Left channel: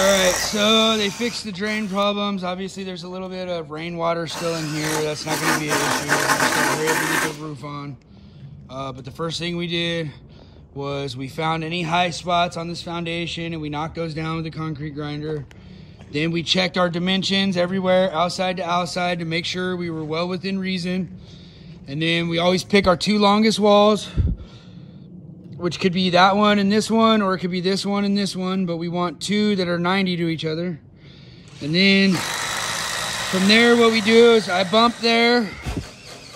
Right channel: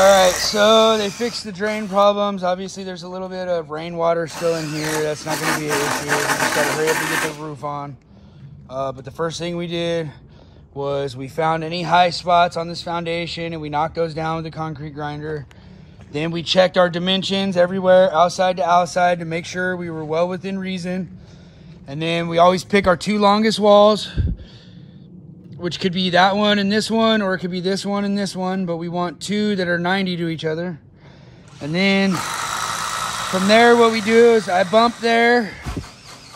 Alright, so they fixed the drain problems. Obviously there's a little bit of rainwater still in here. That's not going to be an issue. We're going to start ready to get the roof on. But the first thing we did was we found any high spots on this foundation and we knocked those down with the concrete grinder. Then we checked our dimensions everywhere, outside to outside, to make sure we were well within reason. And then we always pick our two longest walls, which could be that one and this one, or it could be this one and this one, but we want two that are 90 to each other. And then from there, what we do is I bump there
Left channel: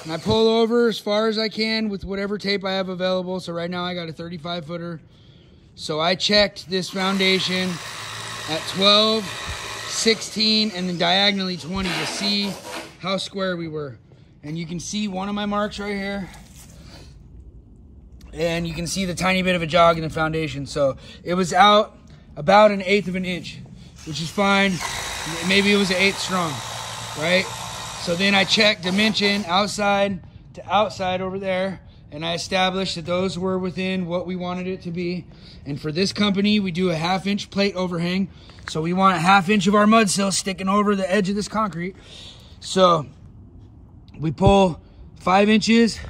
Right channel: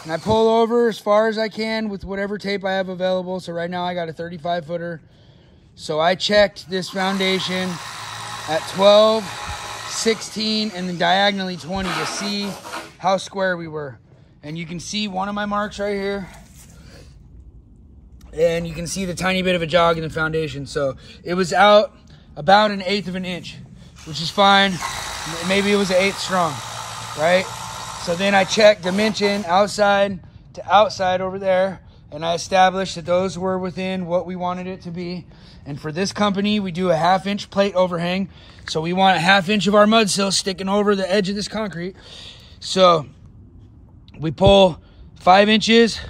and I pull over as far as I can with whatever tape I have available. So right now I got a 35 footer. So I checked this foundation at 12, 16, and then diagonally 20 to see how square we were. And you can see one of my marks right here. And you can see the tiny bit of a jog in the foundation. So it was out about 1/8 of an inch, which is fine. Maybe it was 1/8 strong, right? So then I checked dimension outside to outside over there, and I established that those were within what we wanted it to be. And for this company, we do a 1/2 inch plate overhang. So we want a 1/2 inch of our mudsill sticking over the edge of this concrete. So we pull 5 inches,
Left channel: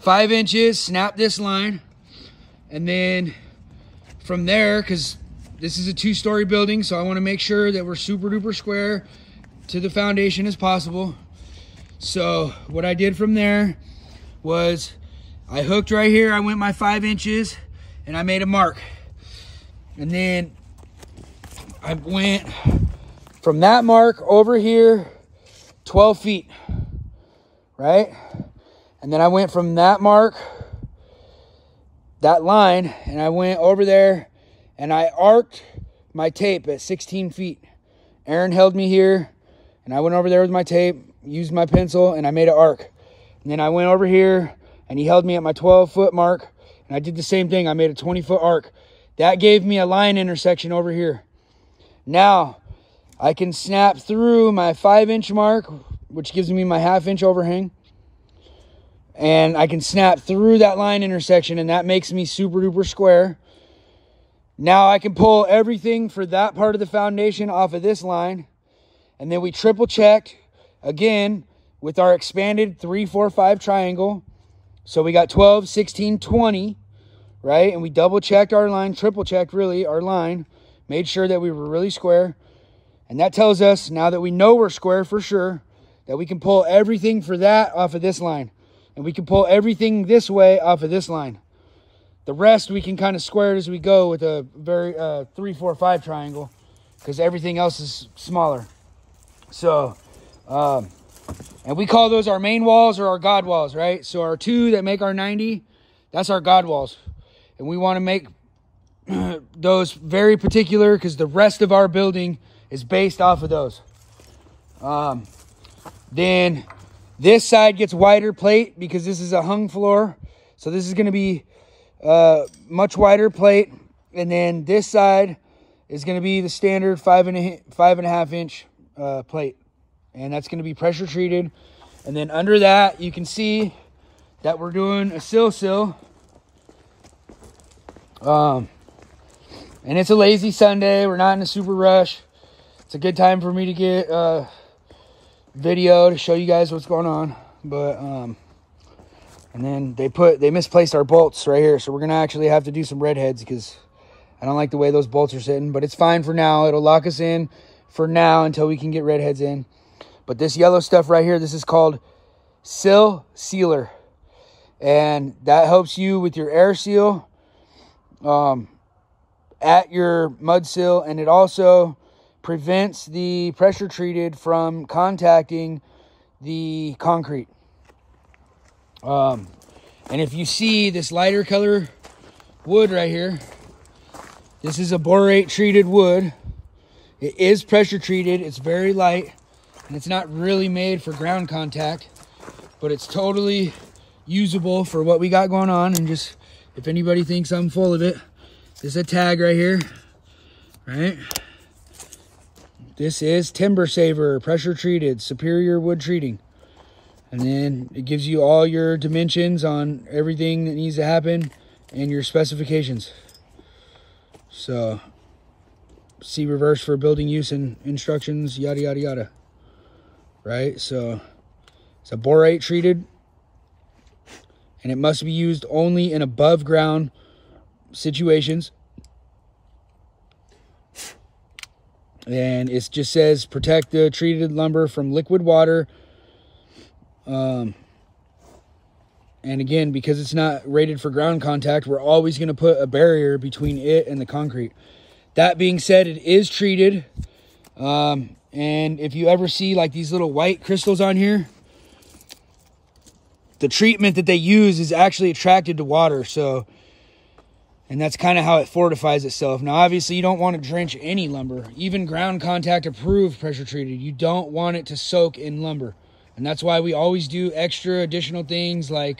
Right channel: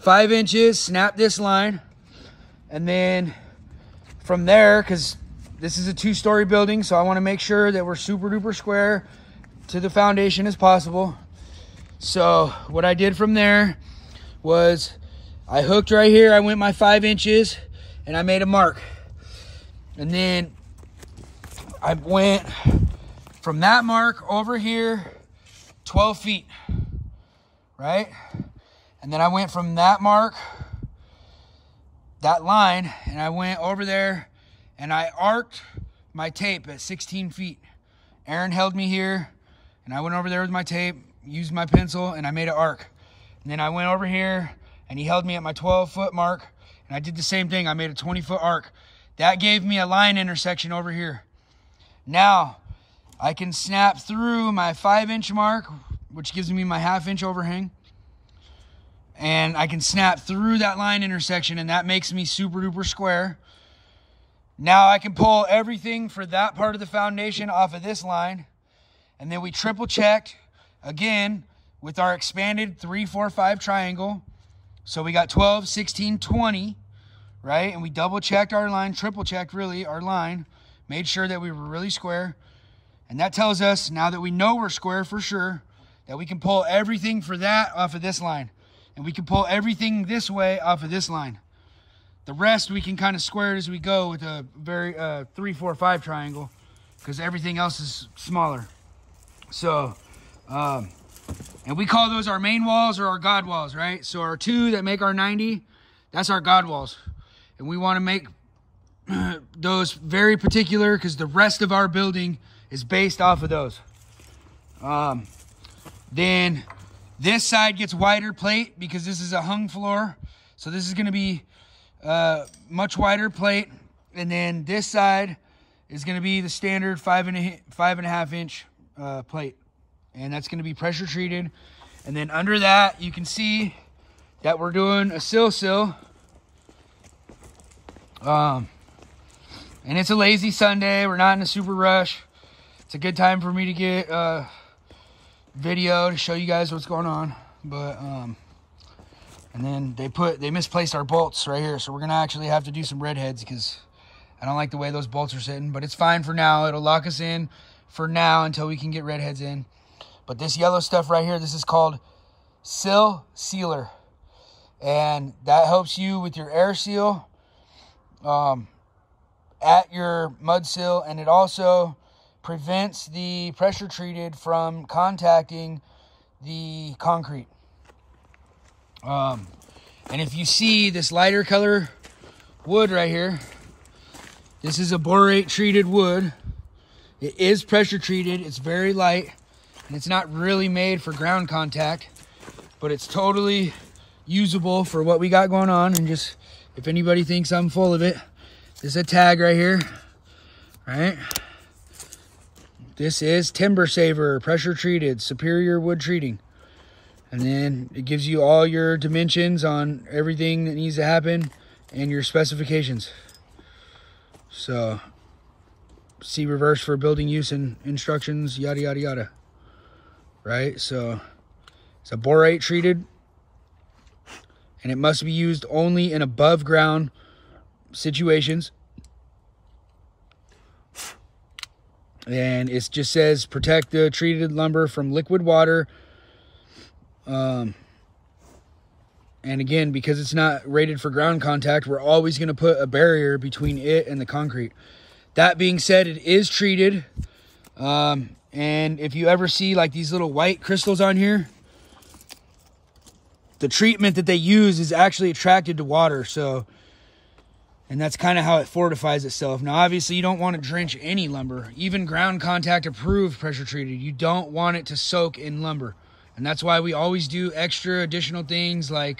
5 inches, snap this line, and then from there, because this is a 2-story building, so I want to make sure that we're super duper square to the foundation as possible. So what I did from there was I hooked right here, I went my 5 inches and I made a mark, and then I went from that mark over here 12 feet, right? And then I went from that mark, that line, and I went over there and I arced my tape at 16 feet. Aaron held me here and I went over there with my tape, used my pencil, and I made an arc. And then I went over here and he held me at my 12-foot mark, and I did the same thing. I made a 20-foot arc. That gave me a line intersection over here. Now I can snap through my 5-inch mark, which gives me my 1/2 inch overhang. And I can snap through that line intersection, and that makes me super duper square. Now I can pull everything for that part of the foundation off of this line. And then we triple checked again with our expanded 3, 4, 5 triangle. So we got 12, 16, 20, right? And we double checked our line, triple checked really our line, made sure that we were really square. And that tells us, now that we know we're square for sure, that we can pull everything for that off of this line. And we can pull everything this way off of this line. The rest we can kind of square it as we go with a very 3, 4, 5 triangle, because everything else is smaller. So, and we call those our main walls or our God walls, right? So our 2 that make our 90, that's our God walls. And we want to make those very particular because the rest of our building is based off of those. Then this side gets wider plate because this is a hung floor. So this is going to be much wider plate. And then this side is going to be the standard 5.5 inch plate. And that's going to be pressure treated. And then under that, you can see that we're doing a sill. And it's a lazy Sunday. We're not in a super rush. It's a good time for me to get video to show you guys what's going on. But and then they misplaced our bolts right here, so we're gonna actually have to do some redheads because I don't like the way those bolts are sitting, but it's fine for now. It'll lock us in for now until we can get redheads in. But this yellow stuff right here, this is called sill sealer, and that helps you with your air seal at your mudsill, and it also prevents the pressure treated from contacting the concrete. And if you see this lighter color wood right here, this is a borate treated wood. It is pressure treated. It's very light, and it's not really made for ground contact, but it's totally usable for what we got going on. And just, if anybody thinks I'm full of it, this is a tag right here, right? This is Timber Saver, pressure treated, superior wood treating. And then it gives you all your dimensions on everything that needs to happen and your specifications. So see reverse for building use and instructions, yada, yada, yada. Right? So it's a borate treated, and it must be used only in above ground situations. And it just says protect the treated lumber from liquid water. And again, because it's not rated for ground contact, we're always going to put a barrier between it and the concrete. That being said, it is treated. And if you ever see like these little white crystals on here, the treatment that they use is actually attracted to water. So, and that's kind of how it fortifies itself. Now, obviously, you don't want to drench any lumber. Even ground contact approved pressure treated. You don't want it to soak in lumber. And that's why we always do extra additional things like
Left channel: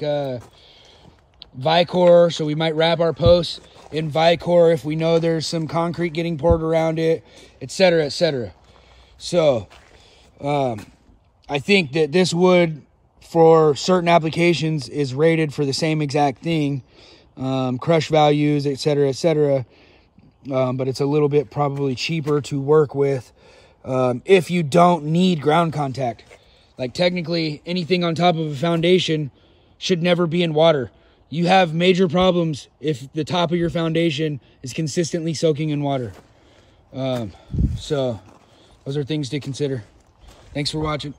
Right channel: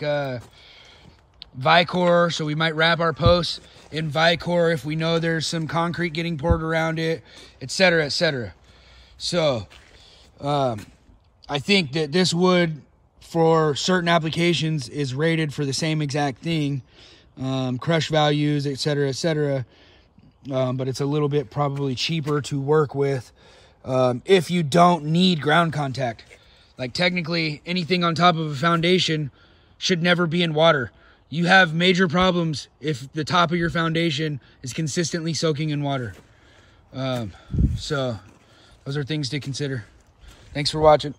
Vicor. So we might wrap our posts in Vicor if we know there's some concrete getting poured around it, etc., etc. So I think that this wood for certain applications is rated for the same exact thing. Crush values, etc., etc. But it's a little bit probably cheaper to work with if you don't need ground contact. Like technically anything on top of a foundation should never be in water. You have major problems if the top of your foundation is consistently soaking in water. So those are things to consider. Thanks for watching.